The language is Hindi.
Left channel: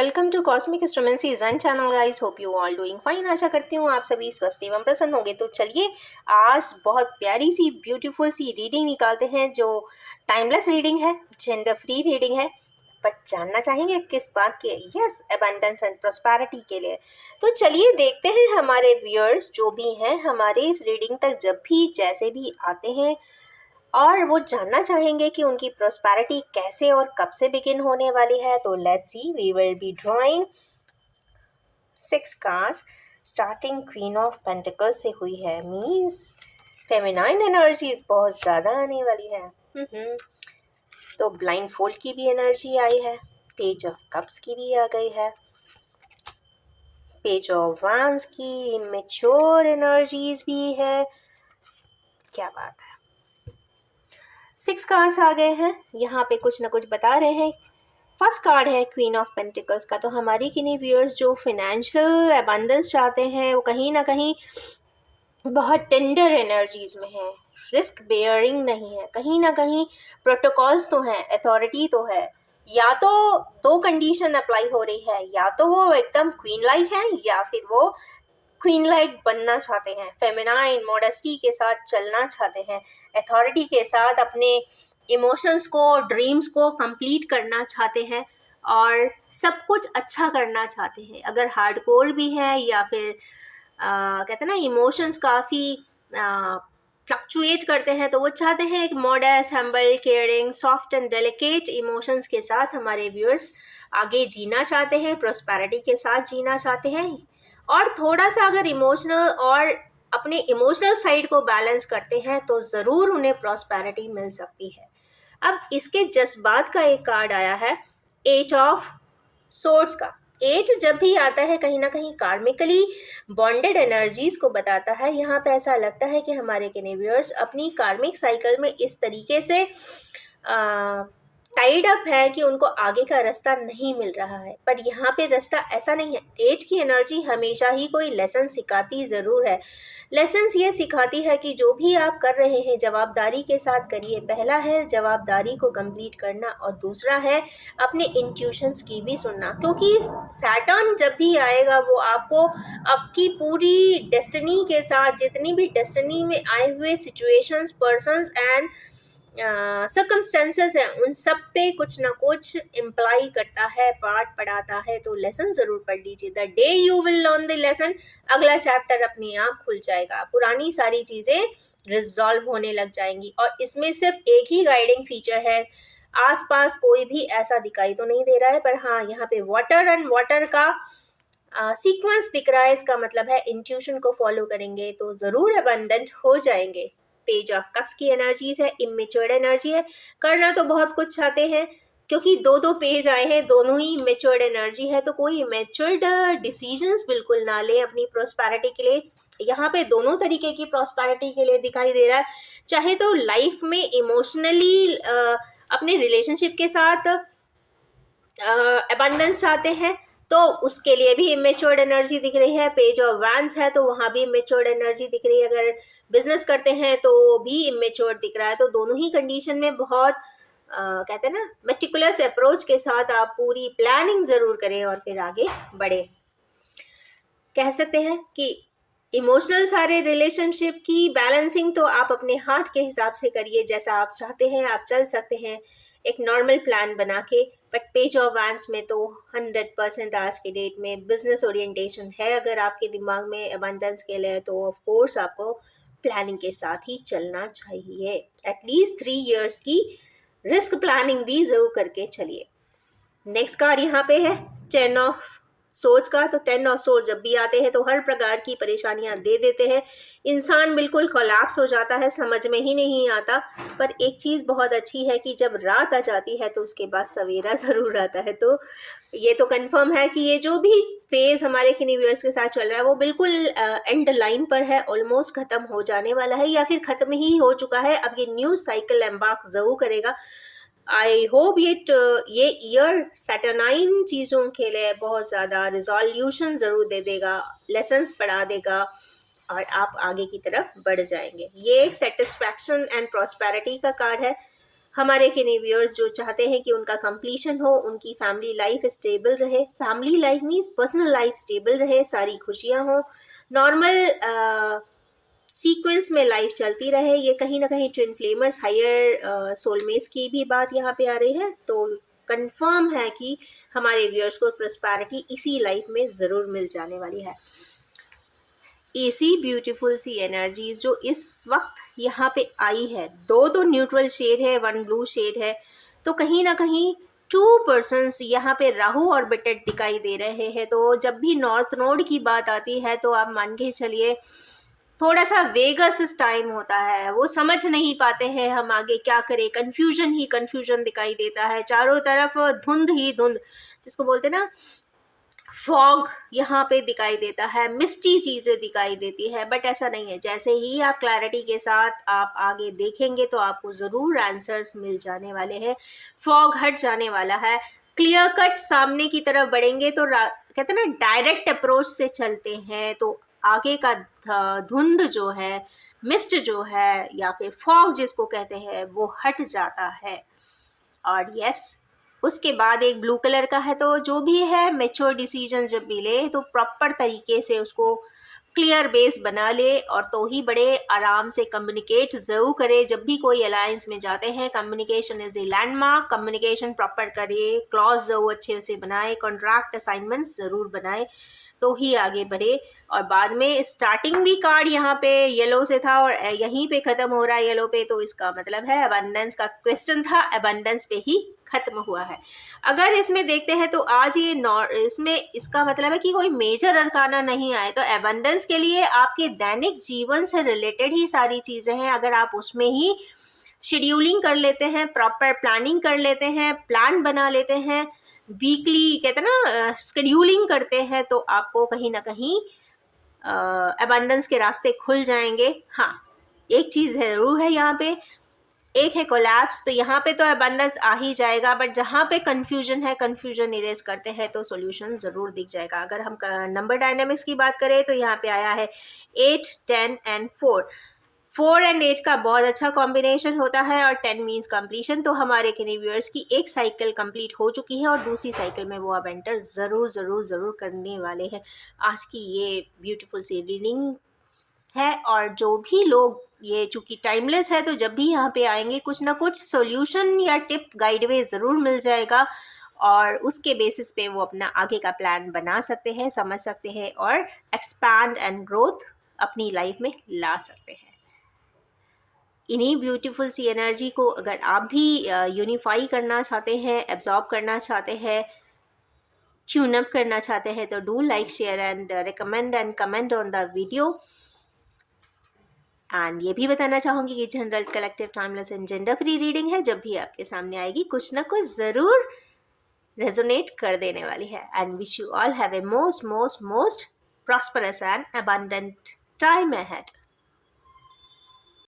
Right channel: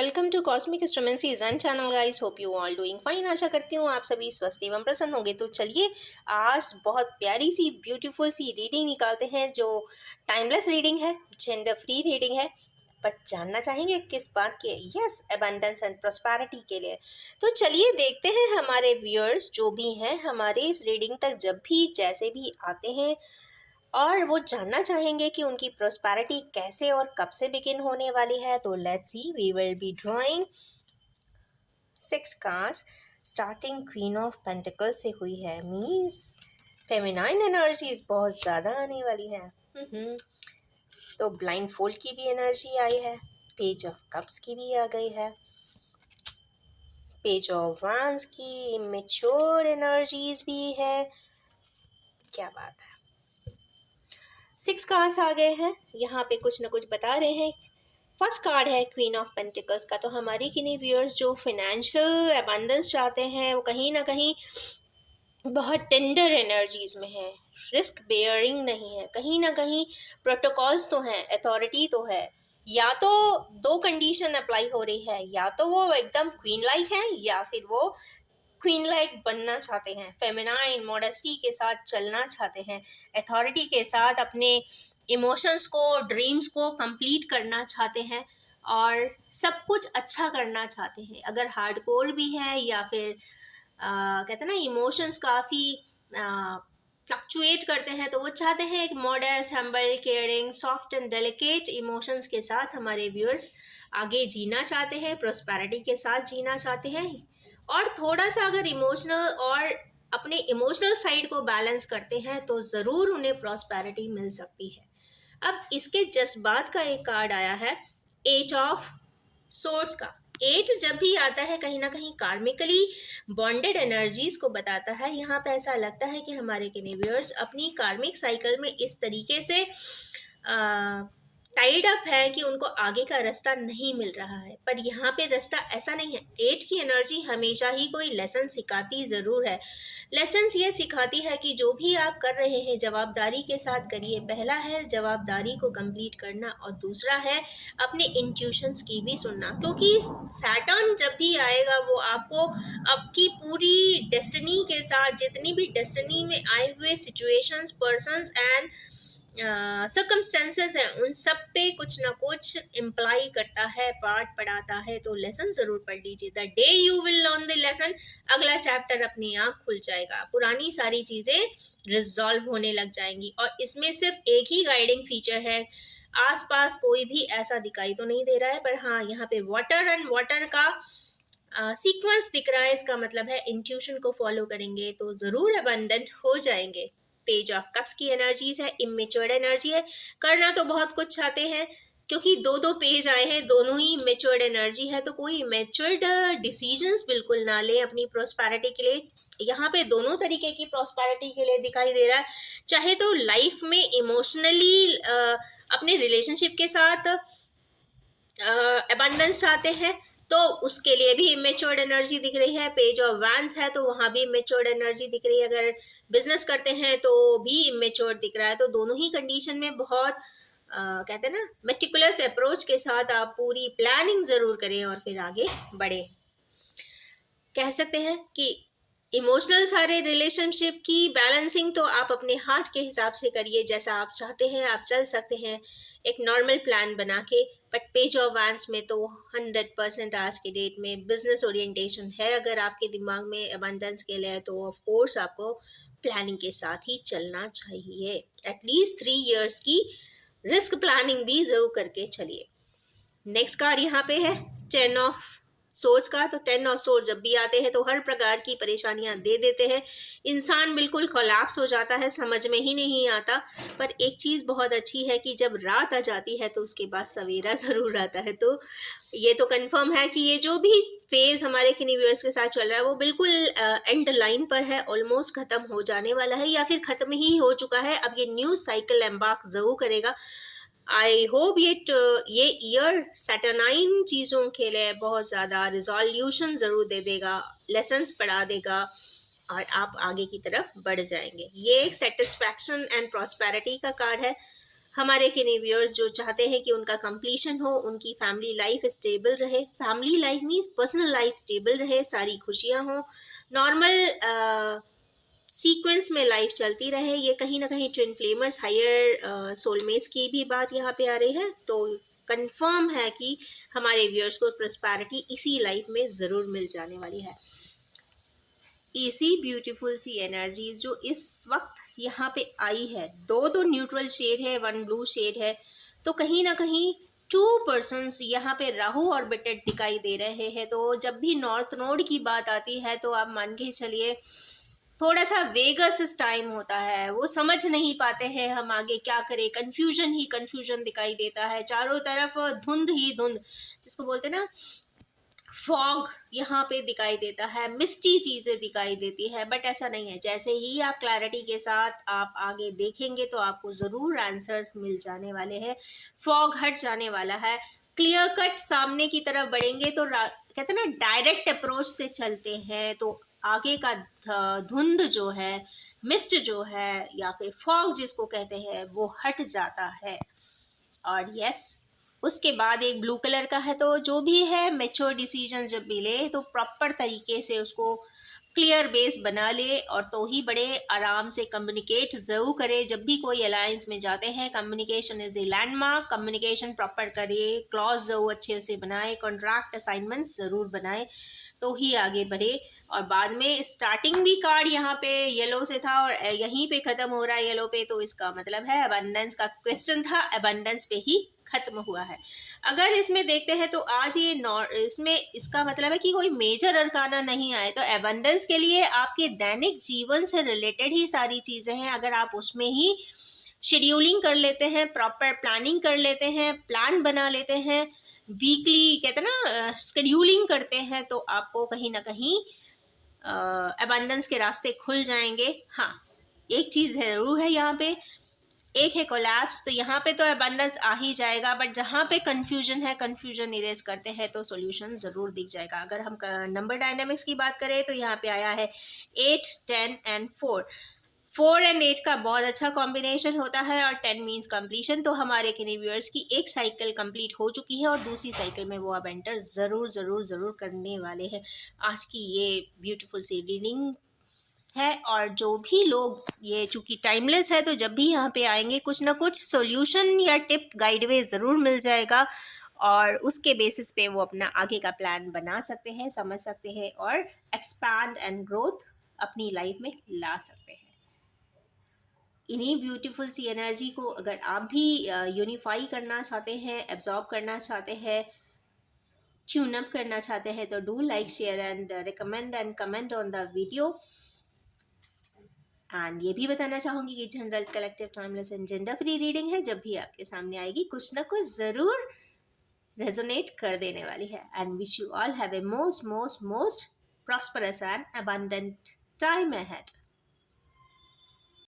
वेलकम टू कॉस्मिक एस्ट्रोमेंसी जन channel guys. Hope you all doing fine. आशा करती हूँ आप सभी स्वस्थ एवं प्रसन्न होंगे। तो चलिए आज बहुत प्यारी सी ब्यूटीफुल सी रीडिंग निकालते हैं जो टाइमलेस रीडिंग है, जेंडर फ्री रीडिंग है। बट जानना चाहेंगे किस बात की है? यस, अबंडेंस एंड प्रॉस्पेरिटी के लिए। तो चलिए देखते हैं हमारे व्यूअर्स जो भी हैं हमारे इस रीडिंग तक जब भी जैसे भी आते हैं और वो जानना चाहेंगे कि उनकी प्रोस्पेरिटी कैसे और कब से बिगिन होने वाली है। तो let's see, we will be drawing 6 cards starting queen of pentacle से हुई है। मीन्स फेमिनाइन एनर्जीज बहुत ज़्यादा आने वाली है। तो ब्लाइंड फोल्ड की भी एनर्जी आई है, पेज ऑफ कप्स की भी आ गई है, पेज ऑफ वांड्स की मैच्योर एनर्जीज भी है। क्या बात है, 6 कार्ड्स आ गए हैं, यहाँ पे कुछ ना कुछ बता रहे हैं। फर्स्ट कार्ड है क्वीन ऑफ पेंटिकल्स का। तो हमारी किन्हीं व्यूअर्स जो फाइनेंशियल अबंडेंस चाहते हैं वो कहीं ना कहीं बहुत टेंडर एनर्जीज में है, रिस्क बेयरिंग नहीं है, कहीं ना कहीं प्रोटोकॉल्स तो हैं, अथॉरिटी तो है। या तो दो कंडीशन अप्लाई हो रही है, या तो वो एकदम क्वीन लाइक है या फिर वो क्वीन लाइक बनना चाहते हैं, फेमिनाइन मॉडेस्टी के साथ चलना चाहते हैं, अथॉरिटी के साथ अपने इमोशंस को, ड्रीम्स को कंप्लीट करना चाहते हैं और सब कुछ अच्छा करना चाहते हैं। अगर हार्डकोर भी है या फिर कहते हैं ना इमोशंस काफ़ी फ्लक्चुएट करते हैं, तो वो चाहते हैं एक modest, humble, caring, soft and delicate emotions के साथ हमारे व्यूअर्स आगे जीना चाहते हैं, प्रोस्पेरिटी के साथ जीना चाहते हैं। और थोड़ा सा अगर इमोशनल और अपने इमोशनल साइड को बैलेंस करते हैं तो ज़रूर उन्हें प्रॉस्पेरिटी मिल सकती है। अब इसके जज्बात का एक कार्ड आया है, 8 ऑफ सोर्ड्स का। 8 जब भी आता है कहीं ना कहीं कार्मिकली बॉन्डेड एनर्जीज को बताता है। यहाँ पे ऐसा लगता है कि हमारे केनेवियर्स अपनी कार्मिक साइकिल में इस तरीके से टाइड अप है कि उनको आगे का रास्ता नहीं मिल रहा है। पर यहाँ पे रास्ता ऐसा नहीं है। 8 की एनर्जी हमेशा ही कोई लेसन सिखाती ज़रूर है। लेसन्स ये सिखाती है कि जो भी आप कर रहे हैं जवाबदारी के साथ करिए। पहला है जवाबदारी को कंप्लीट करना और दूसरा है अपने इंट्यूशंस की भी सुनना, क्योंकि सैटर्न जब भी आएगा वो आपको आपकी पूरी डेस्टिनी के साथ, जितनी भी डेस्टिनी में आए हुए सिचुएशंस, पर्सन्स एंड सर्कमस्टेंसेस हैं, उन सब पे कुछ ना कुछ इम्प्लाई करता है, पार्ट पढ़ाता है। तो लेसन ज़रूर पढ़ लीजिए। The day you will learn the lesson, अगला चैप्टर अपने आप खुल जाएगा, पुरानी सारी चीज़ें रिजॉल्व होने लग जाएंगी। और इसमें सिर्फ एक ही गाइडिंग फीचर है, आसपास कोई भी ऐसा दिखाई तो नहीं दे रहा है, पर हाँ यहाँ पे वाटर एंड वाटर का सीक्वेंस दिख रहा है। इसका मतलब है इंट्यूशन को फॉलो करेंगे तो ज़रूर अबंडेंट हो जाएंगे। पेज ऑफ कप्स की एनर्जीज है, इमेच्योर्ड एनर्जी है। करना तो बहुत कुछ चाहते हैं, क्योंकि दो दो पेज आए हैं, दोनों ही मेच्योर्ड एनर्जी है। तो कोई मेच्योर्ड डिसीजंस बिल्कुल ना लें अपनी प्रोस्पेरिटी के लिए। यहाँ पे दोनों तरीके की प्रोस्पेरिटी के लिए दिखाई दे रहा है। चाहे तो लाइफ में इमोशनली अपने रिलेशनशिप के साथ अबंडेंस चाहते हैं तो उसके लिए भी इमेच्योर्ड एनर्जी दिख रही है। पेज ऑफ वैंड्स है तो वहाँ भी इमेच्योर्ड एनर्जी दिख रही है। अगर बिजनेस करते हैं तो भी इमेच्योर्ड दिख रहा है। तो दोनों ही कंडीशन में बहुत कहते हैं ना मेटिकुलस अप्रोच के साथ आप पूरी प्लानिंग ज़रूर करें और फिर आगे बढ़े। कह सकते हैं कि इमोशनल सारे रिलेशनशिप की बैलेंसिंग तो आप अपने हार्ट के हिसाब से करिए, जैसा आप चाहते हैं आप चल सकते हैं एक नॉर्मल प्लान बना के। बट पेज ऑफ वैंड्स में तो 100% आज के डेट में बिजनेस ओरिएंटेशन है। अगर आपके दिमाग में अबंडेंस के लिए तो ऑफ कोर्स आपको प्लानिंग के साथ ही चलना चाहिए। एटलीस्ट 3 इयर्स की रिस्क प्लानिंग भी ज़रूर करके चलिए। नेक्स्ट कार्ड यहाँ पे है 10 ऑफ सोर्स का। तो 10 ऑफ सोर्स जब भी आते हैं तो हर प्रकार की परेशानियां दे देते हैं। इंसान बिल्कुल कोलैप्स हो जाता है, समझ में ही नहीं आता। पर एक चीज़ बहुत अच्छी है कि जब रात आ जाती है तो उसके बाद सवेरा ज़रूर आता है। तो ये तो कंफर्म है कि ये जो भी फेज़ हमारे यूनिवर्स के साथ चल रहा है वो बिल्कुल एंड लाइन पर है, ऑलमोस्ट ख़त्म हो जाने वाला है या फिर ख़त्म ही हो चुका है। अब ये न्यू साइकिल एम्बार्क ज़रूर करेगा। आई होप ये ईयर सैटरनाइन चीज़ों के लिए बहुत ज़्यादा रिजोल्यूशन ज़रूर दे देगा, लेसन्स पढ़ा देगा और आप आगे की तरफ बढ़ जाएंगे। ये एक सेटिस्फैक्शन एंड प्रॉस्पेरिटी का कार्ड है। हमारे किन्हीं व्यूअर्स जो चाहते हैं कि उनका कंप्लीशन हो, उनकी फैमिली लाइफ स्टेबल रहे, family life means personal life stable रहे, सारी खुशियाँ हों, नॉर्मल सीक्वेंस में लाइफ चलती रहे। ये कहीं ना कहीं ट्विन फ्लेमर्स हायर सोलमेट्स की भी बात यहाँ पे आ रही है, तो कंफर्म है कि हमारे व्यूअर्स को प्रॉस्पेरिटी इसी लाइफ में ज़रूर मिल जाने वाली है। ऐसी ब्यूटीफुल सी एनर्जीज जो इस वक्त यहाँ पे आई है, दो तो न्यूट्रल शेड है, वन ब्लू शेड है, तो कहीं ना कहीं 2 पर्सन्स यहाँ पे राहु और बिटेट दिखाई दे रहे हैं। तो जब भी नॉर्थ नोड की बात आती है तो आप मान के चलिए थोड़ा सा वेगस टाइम होता है, वो समझ नहीं पाते हैं हम आगे क्या करें, कन्फ्यूजन ही कन्फ्यूजन दिखाई देता है, चारों तरफ धुंध ही धुंध, जिसको बोलते हैं ना फॉग, यहाँ पे दिखाई देता है, मिस्टी चीज़ें दिखाई देती है। बट ऐसा नहीं है, जैसे ही आप क्लैरिटी के साथ आप आगे देखेंगे तो आपको ज़रूर आंसर्स मिल जाने वाले हैं, फॉग हट जाने वाला है, क्लियर कट सामने की तरफ बढ़ेंगे। तो कहते हैं ना डायरेक्ट अप्रोच से चलते हैं तो आगे का धुंध जो है, मिस्ट जो है, या फिर फॉग जिसको कहते हैं, वो हट जाता है। और यस, उसके बाद एक ब्लू कलर का है, तो जो भी है मेच्योर डिसीजन जब भी ले तो प्रॉपर तरीके से उसको क्लियर बेस बना ले, और तो ही बड़े आराम से कम्युनिकेट ज़रूर करे। जब भी कोई अलायंस में जाते हैं, communication is a landmark, communication proper करे, क्लॉज ज़रूर अच्छे से बनाए, कॉन्ट्रैक्ट असाइनमेंट्स ज़रूर बनाए, तो ही आगे बढ़े। और बाद में स्टार्टिंग भी कार्ड यहाँ पे येलो से था और यहीं पे ख़त्म हो रहा है येलो पे, तो इसका मतलब है अबंडेंस का क्वेश्चन था, अबंडेंस पे ही ख़त्म हुआ है। अगर इसमें देखते हैं तो आज ये इसमें इसका मतलब है कि कोई मेजर अरकाना नहीं आए, तो अबंडेंस के लिए आपके दैनिक जीवन से रिलेटेड ही सारी चीज़ें हैं। अगर आप उसमें ही शेड्यूलिंग कर लेते हैं, प्रॉपर प्लानिंग कर लेते हैं, प्लान बना लेते हैं, वीकली कहते हैं ना शेड्यूलिंग करते हैं, तो आपको कहीं ना कहीं अबंडेंस के रास्ते खुल जाएंगे। हाँ, एक चीज़ ज़रूर है यहाँ पे, एक है कोलैप्स, तो यहाँ पे तो अबंडेंस आ ही जाएगा, बट जहाँ पे कन्फ्यूजन है, कन्फ्यूजन इरेज करते हैं तो सॉल्यूशन ज़रूर दिख जाएगा। अगर हम नंबर डायनामिक्स की बात करें तो यहाँ पे आया है 8, 10 एंड 4। 4 एंड 8 का बहुत अच्छा कॉम्बिनेशन होता है, और 10 मीन्स कंप्लीशन। तो हमारे किन्हीं व्यूअर्स की एक साइकिल कंप्लीट हो चुकी है और दूसरी साइकिल में वो अब एंटर ज़रूर ज़रूर ज़रूर करने वाले हैं। आज की ये ब्यूटीफुल सी रीडिंग है, और जो भी लोग, ये चूँकि टाइमलेस है तो जब भी यहाँ पे आएंगे कुछ ना कुछ सॉल्यूशन या टिप गाइडवे ज़रूर मिल जाएगा, और उसके बेसिस पे वो अपना आगे का प्लान बना सकते हैं, समझ सकते हैं, और एक्सपैंड एंड ग्रोथ अपनी लाइफ में ला सकते हैं। इन्हीं ब्यूटीफुल सी एनर्जी को अगर आप भी यूनिफाई करना चाहते हैं, एब्जॉर्ब करना चाहते हैं, ट्यून अप करना चाहते हैं, तो do like, share and recommend and comment on the video. And ये भी बताना चाहूँगी कि general, collective, timeless and gender free reading है, जब भी आपके सामने आएगी कुछ ना कुछ ज़रूर रेजोनेट कर देने वाली है। And wish you all have a most most most prosperous and abundant time ahead.